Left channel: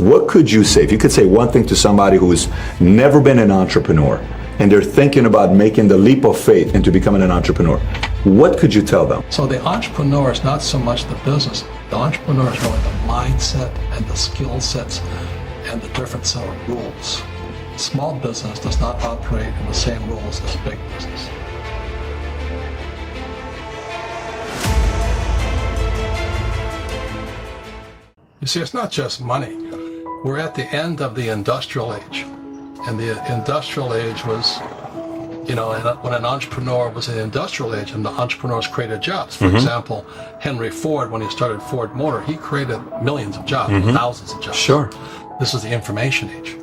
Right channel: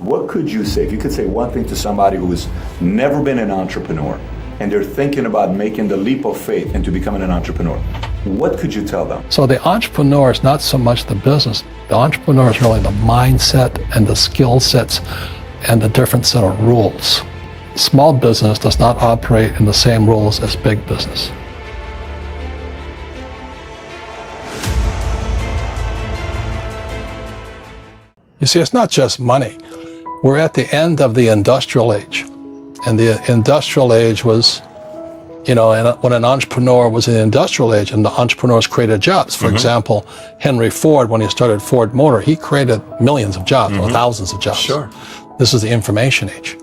What could you say, if you could say one thing to somebody who's never been an entrepreneur and they're thinking about making the leap of faith into becoming an entrepreneur, what could you tell them? So the entrepreneur is not so much the business. The entrepreneur is really the mindset and the skill sets and the different set of rules. Small business does not operate in the same rules as big business. You see, it's not just money. We're at the end of the industrial age. And the industrial age was, when an entrepreneur was in the industrial age and the entrepreneurs created jobs. For example, Henry Ford, when he started Ford Motor, he created millions of jobs, or thousands of jobs. Sure. This is the information age.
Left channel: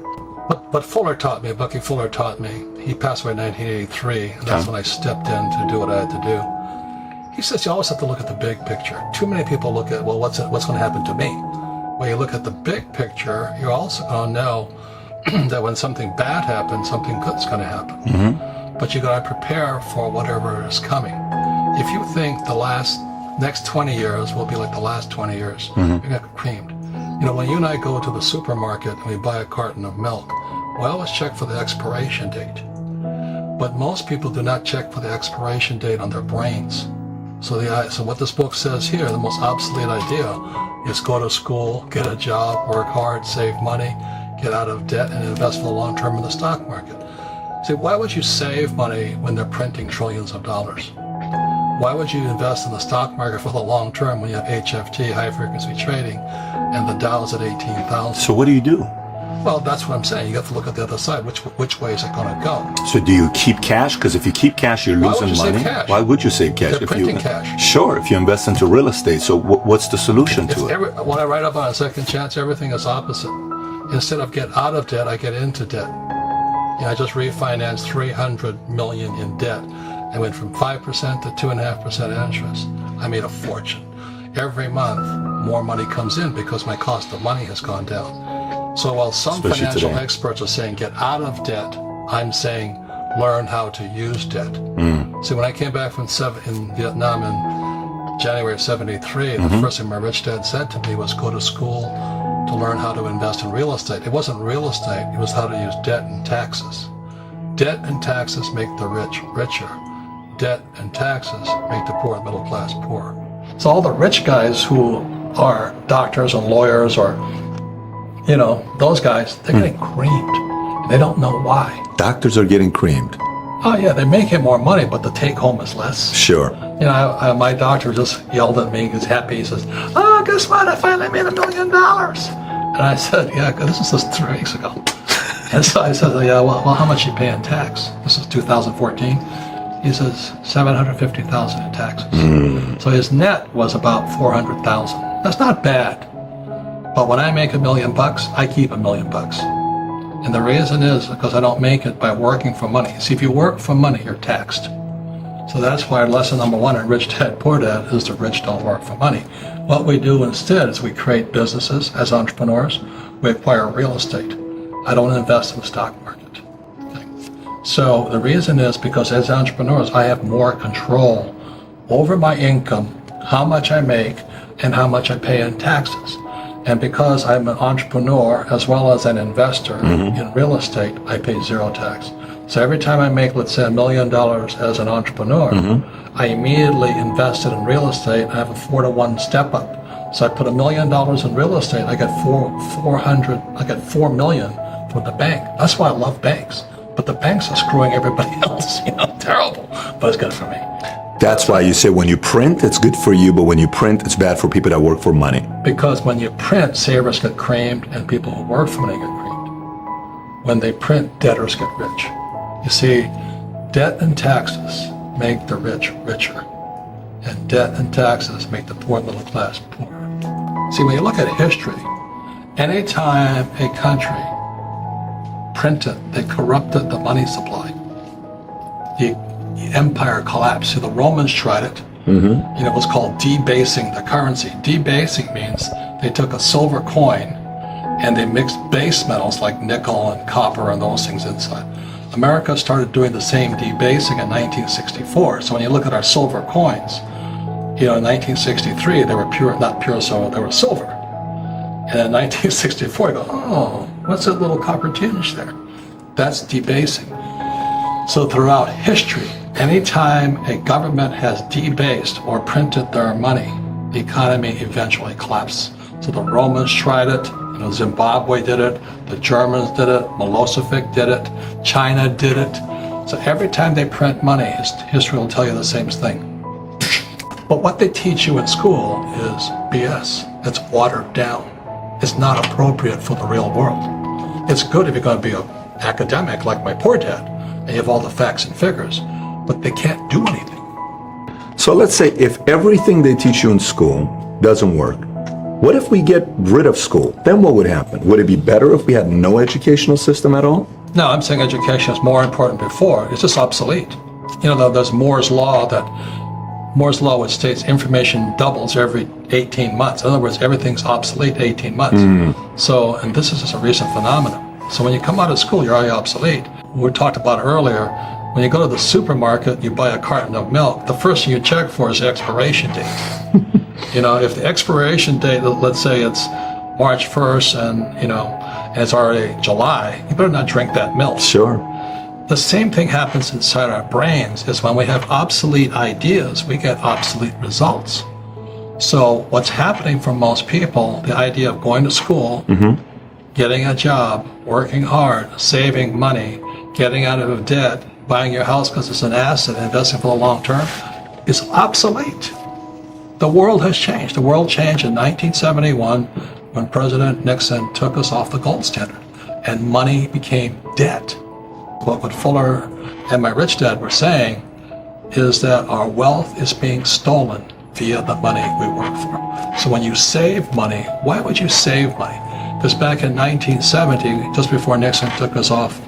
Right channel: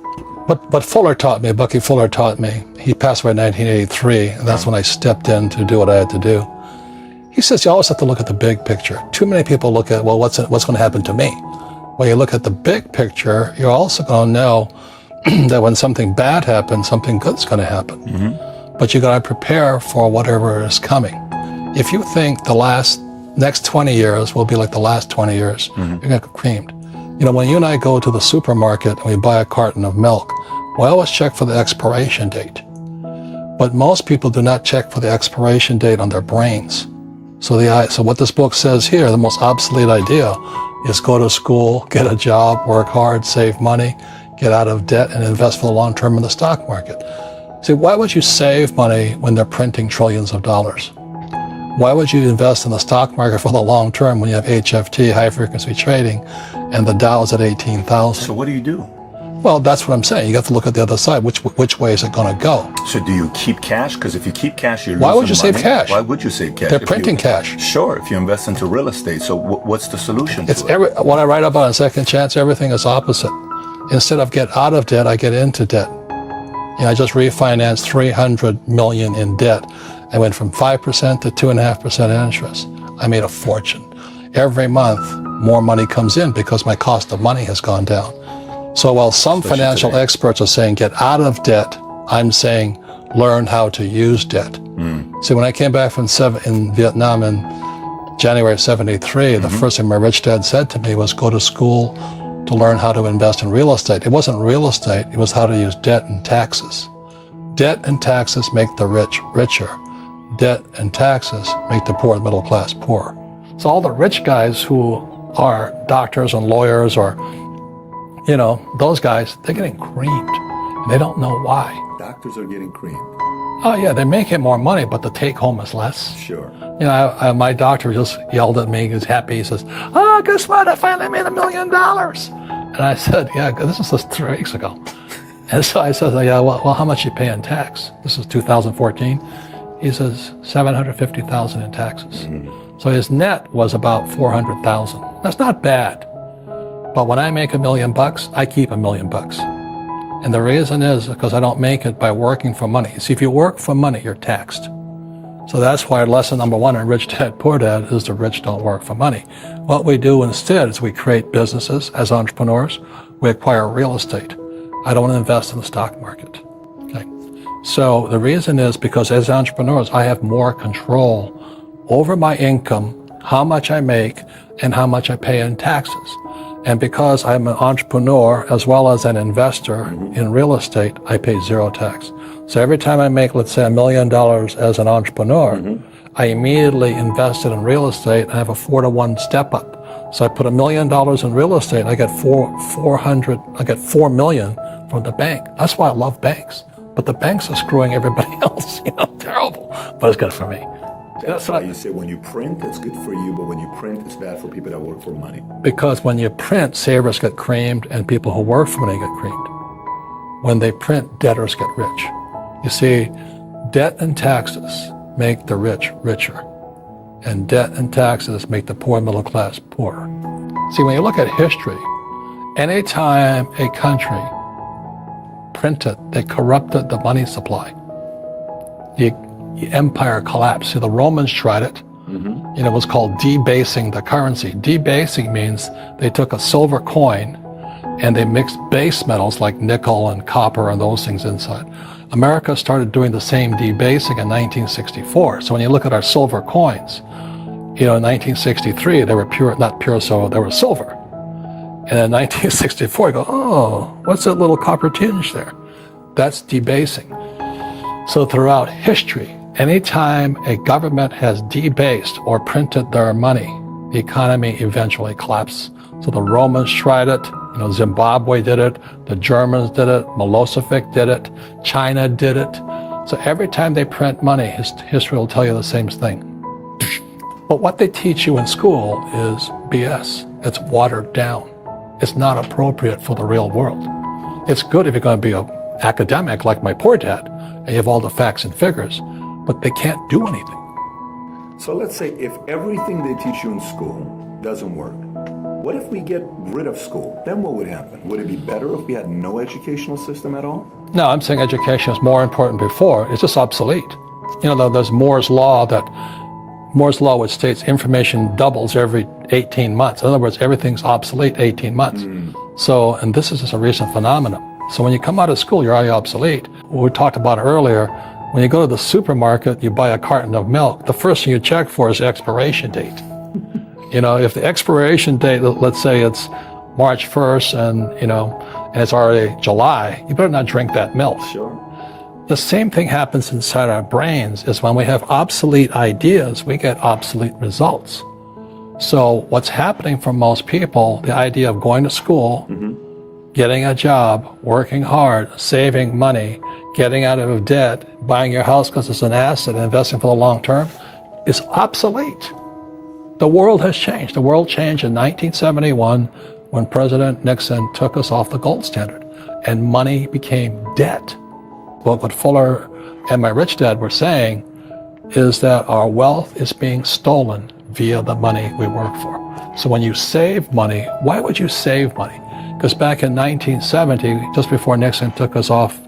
But Bucky Fuller taught me, he passed away in 1983, and that's when I stepped in to do what I had to do. He says you always have to look at the big picture. Too many people look at, well, what's going to happen to me? When you look at the big picture, you're also going to know that when something bad happens, something good's going to happen. But you got to prepare for whatever is coming. If you think the next 20 years will be like the last 20 years, you're going to get creamed. When you and I go to the supermarket and we buy a carton of milk, we always check for the expiration date. But most people do not check for the expiration date on their brains. So what this book says here, the most obsolete idea, is go to school, get a job, work hard, save money, get out of debt, and invest for the long term in the stock market. See, why would you save money when they're printing trillions of dollars? Why would you invest in the stock market for the long term when you have HFT, high frequency trading, and the Dow's at 18,000? So what do you do? Well, that's what I'm saying. You have to look at the other side. Which way is it going to go? So do you keep cash? Because if you keep cash, you're losing money. Why would you save cash? Why would you save cash? They're printing cash. Sure, if you invest into real estate. So what's the solution to it? When I write up on a second chance, everything is opposite. Instead of get out of debt, I get into debt. I just refinanced $300 million in debt. I went from 5% to 2.5% interest. I made a fortune. Every month, more money comes in because my cost of money has gone down. So while some financial experts are saying get out of debt, I'm saying learn how to use debt. See, when I came back from in Vietnam in January of '73, the first thing my rich dad said to me was go to school to learn how to invest in real estate. It wasn't real estate, it was how to use debt and taxes. Debt and taxes make the rich richer. Debt and taxes make the poor, middle class, poorer. So all the rich guys who are doctors and lawyers or those guys, they're getting creamed. They don't know why. Doctors are getting creamed. Oh yeah, they're making more money, but the take home is less. Sure. My doctor just yelled at me. He was happy. He says, "Oh, guess what? I finally made $1 million." And I said, "Yeah, this was just 3 weeks ago." And so I said, "Yeah, well, how much you pay in tax?" This is 2014. He says, $750,000 in taxes. So his net was about $400,000. That's not bad. But when I make $1 million, I keep $1 million. And the reason is because I don't make it by working for money. See, if you work for money, you're taxed. So that's why lesson number 1 in Rich Dad, Poor Dad is the rich don't work for money. What we do instead is we create businesses as entrepreneurs. We acquire real estate. I don't invest in the stock market. Okay? So the reason is because as entrepreneurs, I have more control over my income, how much I make, and how much I pay in taxes. And because I'm an entrepreneur as well as an investor in real estate, I pay 0 tax. So every time I make, let's say, $1 million as an entrepreneur, I immediately invested in real estate. I have a 4-to-1 step up. So I put $1 million in real estate. I get $4 million from the bank. That's why I love banks. But the banks are screwing everybody else. Terrible. But it's good for me. That's why you say when you print, it's good for you, but when you print, it's bad for people that work for money. Because when you print, savers get creamed and people who work for money get creamed. When they print, debtors get rich. You see, debt and taxes make the rich richer, and debt and taxes make the poor middle class poorer. See, when you look at history, anytime a country printed, they corrupted the money supply. The empire collapsed. So the Romans tried it, and it was called debasing the currency. Debasing means they took a silver coin and they mixed base metals like nickel and copper and those things inside. America started doing the same debasing in 1964. So when you look at our silver coins, in 1963 they were pure, not pure silver, they were silver. And in 1964, you go, oh, what's that little copper tinge there? That's debasing. So throughout history, anytime a government has debased or printed their money, the economy eventually collapses. So the Romans tried it, Zimbabwe did it, the Germans did it, Milosevic did it, China did it. So every time they print money, history will tell you the same thing. But what they teach you in school is BS. It's watered down. It's not appropriate for the real world. It's good if you're going to be an academic like my poor dad, and you have all the facts and figures, but they can't do anything. So let's say if everything they teach you in school doesn't work, what if we get rid of school? Then what would happen? Would it be better if we had no educational system at all? No, I'm saying education is more important before. It's just obsolete. There's Moore's Law which states information doubles every 18 months. In other words, everything's obsolete 18 months. So, and this is just a recent phenomenon. So when you come out of school, you're already obsolete. We talked about earlier, when you go to the supermarket, you buy a carton of milk, the first thing you check for is the expiration date. If the expiration date, let's say it's March 1st and it's already July, you better not drink that milk. Sure. The same thing happens inside our brains is when we have obsolete ideas, we get obsolete results. So what's happening for most people, the idea of going to school, getting a job, working hard, saving money, getting out of debt, buying your house because it's an asset, investing for the long term, is obsolete. The world has changed. The world changed in 1971 when President Nixon took us off the gold standard and money became debt. Well, what Fuller and my rich dad were saying is that our wealth is being stolen via the money we work for. So when you save money, why would you save money? Because back in 1970, just before Nixon took us off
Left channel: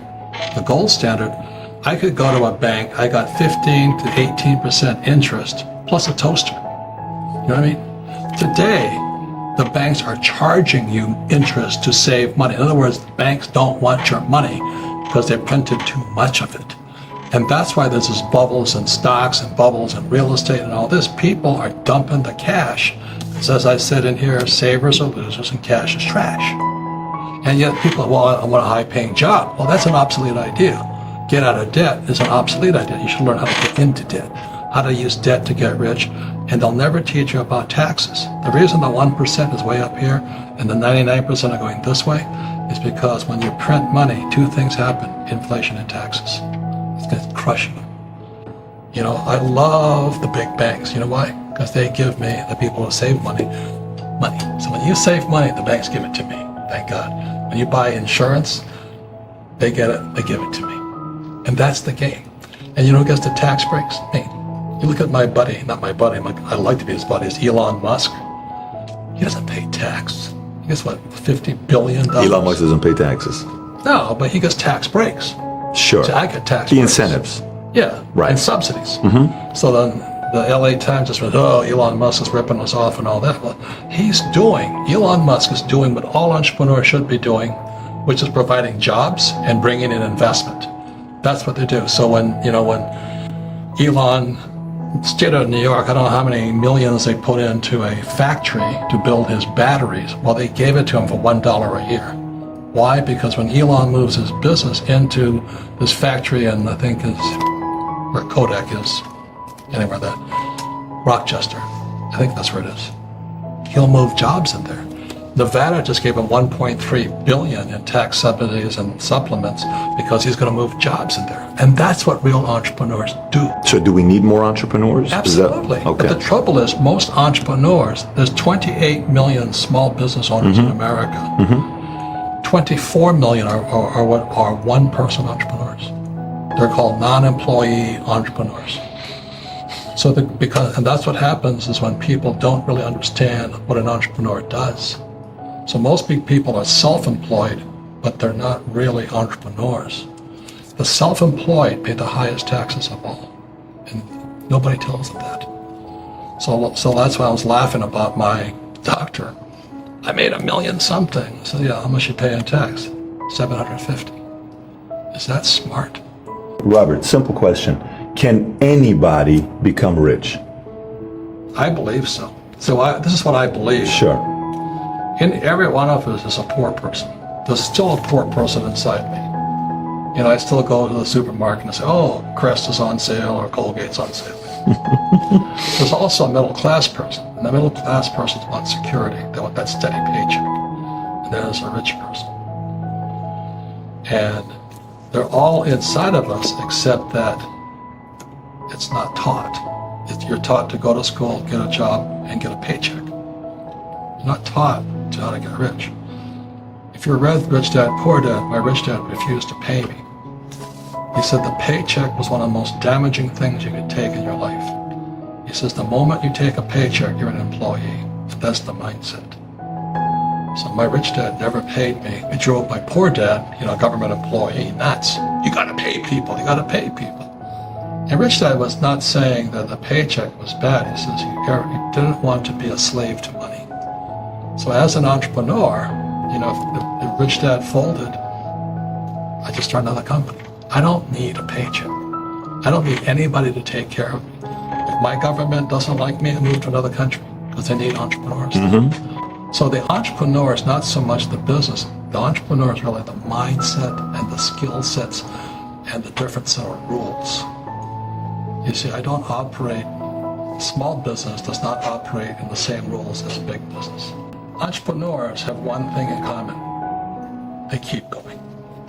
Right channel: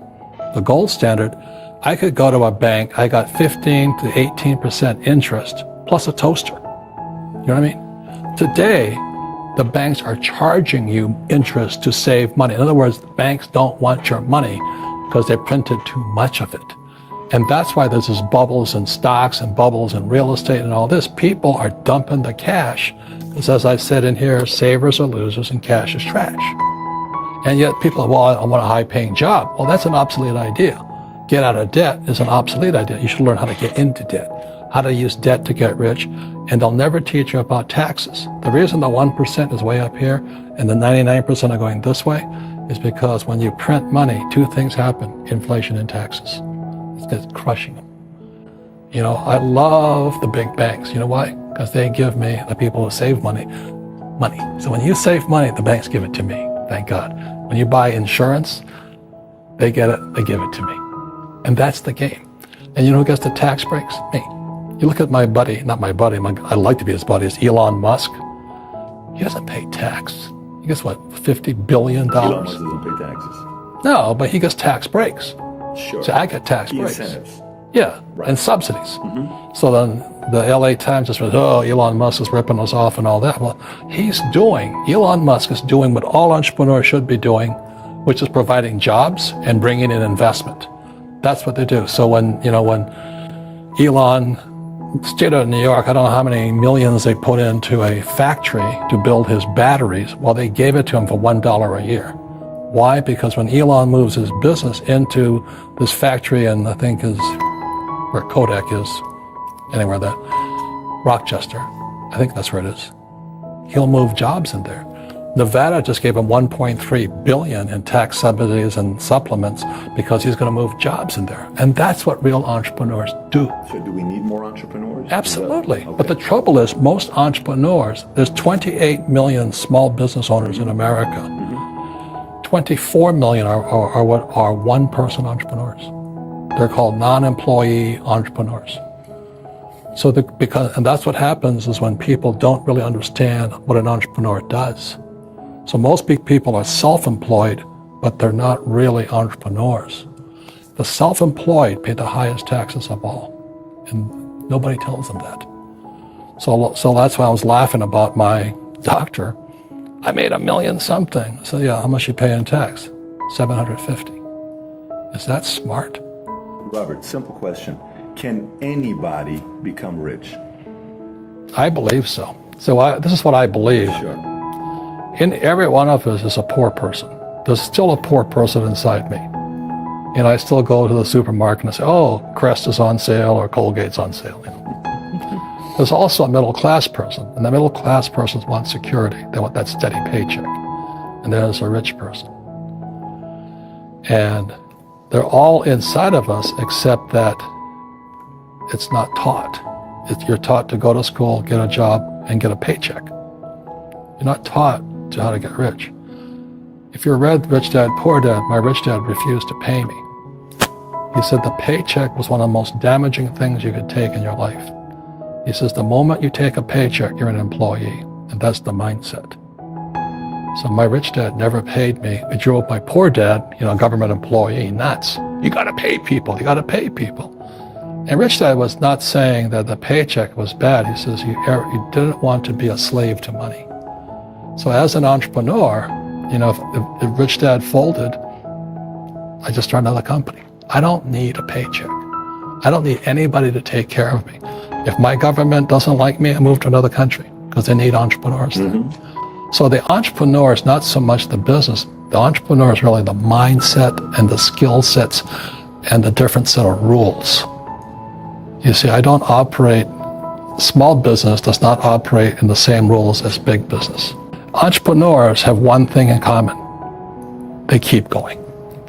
the gold standard, I could go to a bank, I got 15 to 18% interest plus a toaster. You know what I mean? Today, the banks are charging you interest to save money. In other words, banks don't want your money because they printed too much of it. And that's why there's this bubbles in stocks and bubbles in real estate and all this. People are dumping the cash. Because as I said in here, savers are losers and cash is trash. And yet people are, well, I want a high-paying job. Well, that's an obsolete idea. Get out of debt is an obsolete idea. You should learn how to get into debt, how to use debt to get rich, and they'll never teach you about taxes. The reason the 1% is way up here and the 99% are going this way is because when you print money, two things happen, inflation and taxes. It's crushing them. I love the big banks. You know why? Because they give me, the people who save money. So when you save money, the banks give it to me, thank God. When you buy insurance, they get it, they give it to me. And that's the game. And who gets the tax breaks? Me. You look at my buddy, not my buddy, I'd like to be his buddy, is Elon Musk. He doesn't pay tax. He gets what, $50 billion? Elon Musk doesn't pay taxes. No, but he gets tax breaks. Sure. So I get tax the breaks. incentives. Yeah, right. And subsidies. So then the LA Times just went, oh, Elon Musk is ripping us off and all that. Well, Elon Musk is doing what all entrepreneurs should be doing, which is providing jobs and bringing in investment. That's what they do. So when Elon state of New York, I don't know how many millions they put into a factory to build his batteries. Well, they gave it to him for $1 a year. Why? Because when Elon moves his business into this factory, and I think is where Kodak is, anywhere, the Rochester, I think that's where it is. He'll move jobs in there. Nevada just gave him $1.3 billion in tax subsidies and supplements because he's going to move jobs in there. And that's what real entrepreneurs do. So do we need more entrepreneurs? Absolutely. Okay. But the trouble is, most entrepreneurs, there's 28 million small business owners in America. 24 million are one-person entrepreneurs. They're called non-employee entrepreneurs. So and that's what happens is when people don't really understand what an entrepreneur does. So most big people are self-employed, but they're not really entrepreneurs. The self-employed pay the highest taxes of all, and nobody tells them that. So that's why I was laughing about my doctor. I made $1 million something. So yeah, how much you pay in tax? $750. Is that smart? Robert, simple question. Can anybody become rich? I believe so. So this is what I believe. Sure. in every one of us is a poor person. There's still a poor person inside me. And I still go to the supermarket and say, oh, Crest is on sale or Colgate's on sale. There's also a middle class person, and the middle class person wants security. They want that steady paycheck. And there's a rich person. And they're all inside of us, except that it's not taught. You're taught to go to school, get a job, and get a paycheck. You're not taught to how to get rich. If you read Rich Dad, Poor Dad, my rich dad refused to pay me. He said the paycheck was one of the most damaging things you could take in your life. He says the moment you take a paycheck, you're an employee, and that's the mindset. So my rich dad never paid me. He drove my poor dad, government employee, nuts. You gotta pay people, you gotta pay people. And Rich Dad was not saying that the paycheck was bad. He says he didn't want to be a slave to money. So as an entrepreneur, if Rich Dad folded, I just started another company. I don't need a paycheck. I don't need anybody to take care of me. If my government doesn't like me, I move to another country because they need entrepreneurs. So the entrepreneur is not so much the business. The entrepreneur is really the mindset and the skill sets and the different set of rules. You see, I don't operate, small business does not operate in the same rules as big business. Entrepreneurs have one thing in common. They keep going.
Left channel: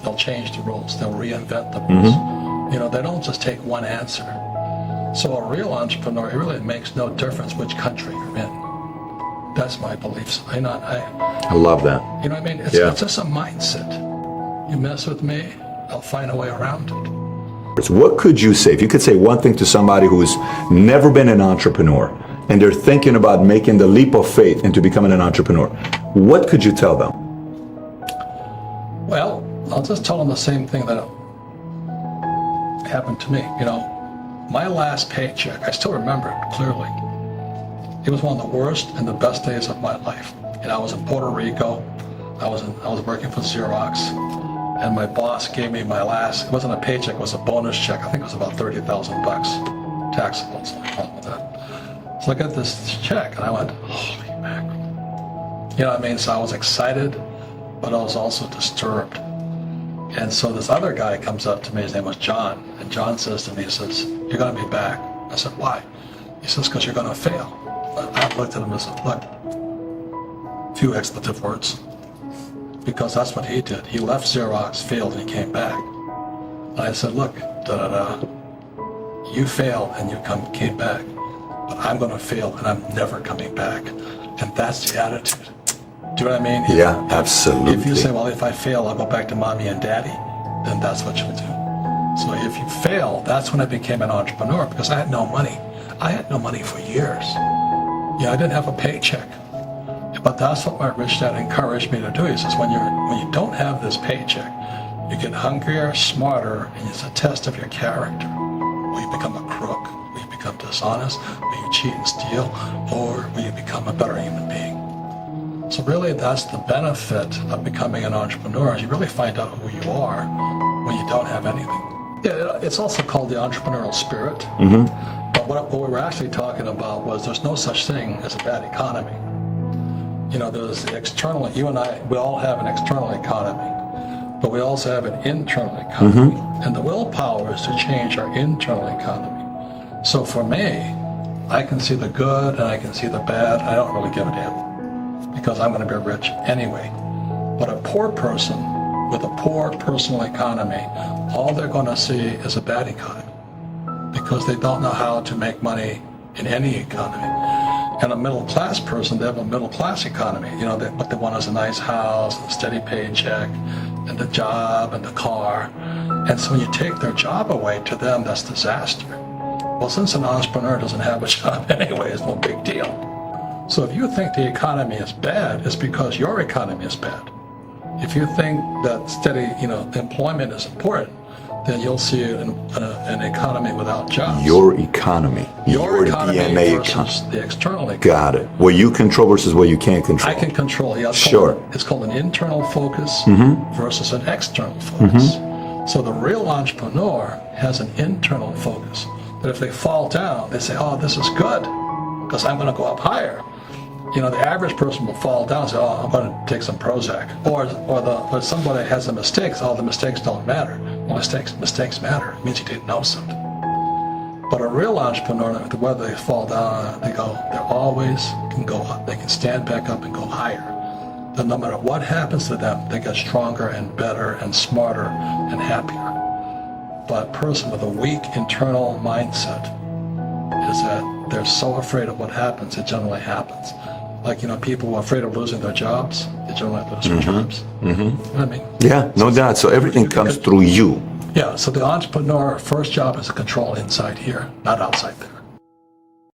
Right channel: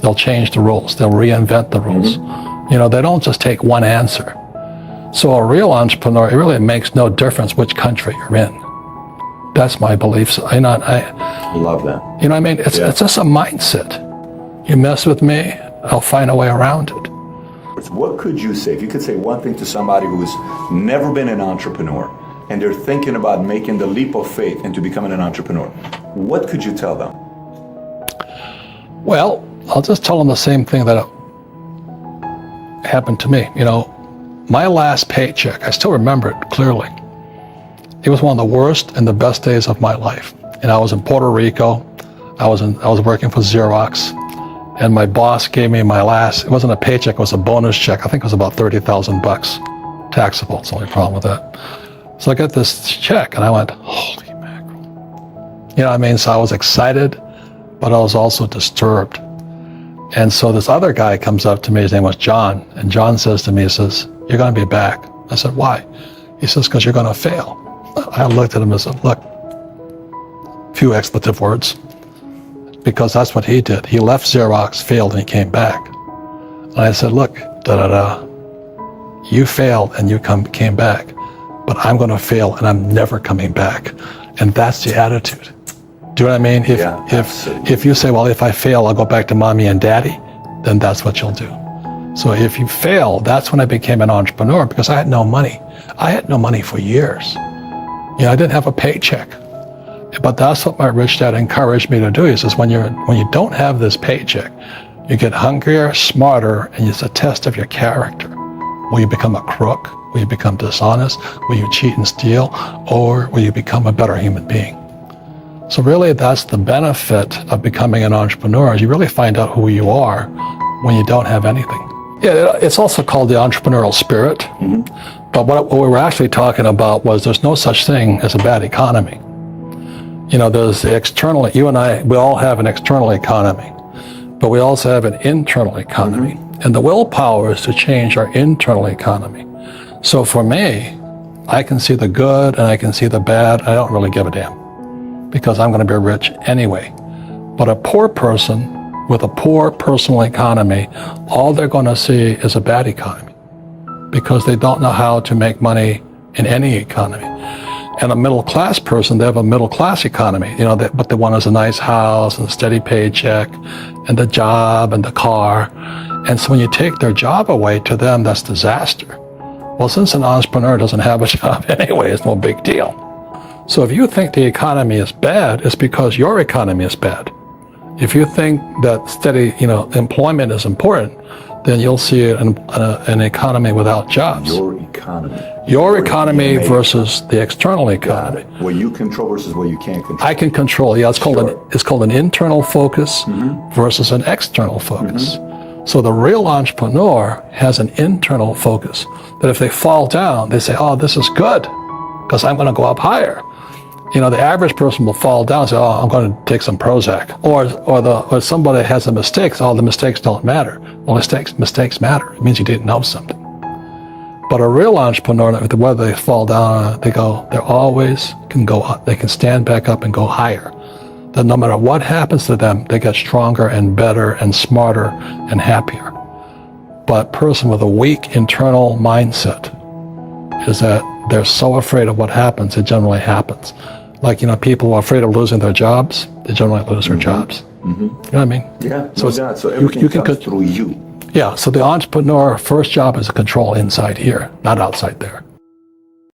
They'll change the rules. They'll reinvent the rules. They don't just take one answer. So a real entrepreneur, it really makes no difference which country you're in. That's my belief. So I love that. It's just a mindset. You mess with me, I'll find a way around it. What could you say, if you could say one thing to somebody who's never been an entrepreneur and they're thinking about making the leap of faith into becoming an entrepreneur, what could you tell them? Well, I'll just tell them the same thing that happened to me. My last paycheck, I still remember it clearly. It was one of the worst and the best days of my life. And I was in Puerto Rico. I was working for Xerox. And my boss gave me my last, it wasn't a paycheck, it was a bonus check. I think it was about $30,000. Taxable, it's the only problem with that. So I got this check and I went, holy mackerel. So I was excited, but I was also disturbed. And so this other guy comes up to me, his name was John, and John says to me, he says, you're gonna be back. I said, why? He says, because you're gonna fail. I looked at him and said, look, few expletive words, because that's what he did. He left Xerox, failed, and he came back. And I said, look, you failed and you came back, but I'm gonna fail and I'm never coming back. And that's the attitude. Do you know what I mean? Absolutely. If you say, well, if I fail, I'll go back to mommy and daddy, then that's what you'll do. So if you fail, that's when I became an entrepreneur, because I had no money. I had no money for years. I didn't have a paycheck. But that's what my rich dad encouraged me to do. He says, when you don't have this paycheck, you get hungrier, smarter, and it's a test of your character. Will you become a crook? Will you become dishonest? Will you cheat and steal? Or will you become a better human being? So really, that's the benefit of becoming an entrepreneur, is you really find out who you are when you don't have anything. Yeah, it's also called the entrepreneurial spirit. But what we were actually talking about was there's no such thing as a bad economy. There's the external, you and I, we all have an external economy, but we also have an internal economy. And the willpower is to change our internal economy. So for me, I can see the good and I can see the bad. I don't really give a damn, because I'm going to be rich anyway. But a poor person with a poor personal economy, all they're going to see is a bad economy, because they don't know how to make money in any economy. And a middle class person, they have a middle class economy. What they want is a nice house and a steady paycheck and the job and the car. And so when you take their job away, to them, that's disaster. Well, since an entrepreneur doesn't have a job anyway, it's no big deal. So if you think the economy is bad, it's because your economy is bad. If you think that steady, employment is important, then you'll see an economy without jobs. Your economy. Your economy versus the external economy. Got it. What you control versus what you can't control. I can control. Yeah, it's called an internal focus versus an external focus. So the real entrepreneur has an internal focus, that if they fall down, they say, oh, this is good, because I'm going to go up higher. the average person will fall down and say, oh, I'm going to take some Prozac. Or somebody has a mistake, so the mistakes don't matter. Well, mistakes matter. It means you didn't know something. But a real entrepreneur, whether they fall down, they always can go up. They can stand back up and go higher. That no matter what happens to them, they get stronger and better and smarter and happier. But a person with a weak internal mindset is that they're so afraid of what happens, it generally happens. Like, people who are afraid of losing their jobs, they generally lose their jobs. Mm-hmm. You know what I mean? Yeah, no doubt. So everything comes through you. Yeah, so the entrepreneur first job is to control inside here, not outside there.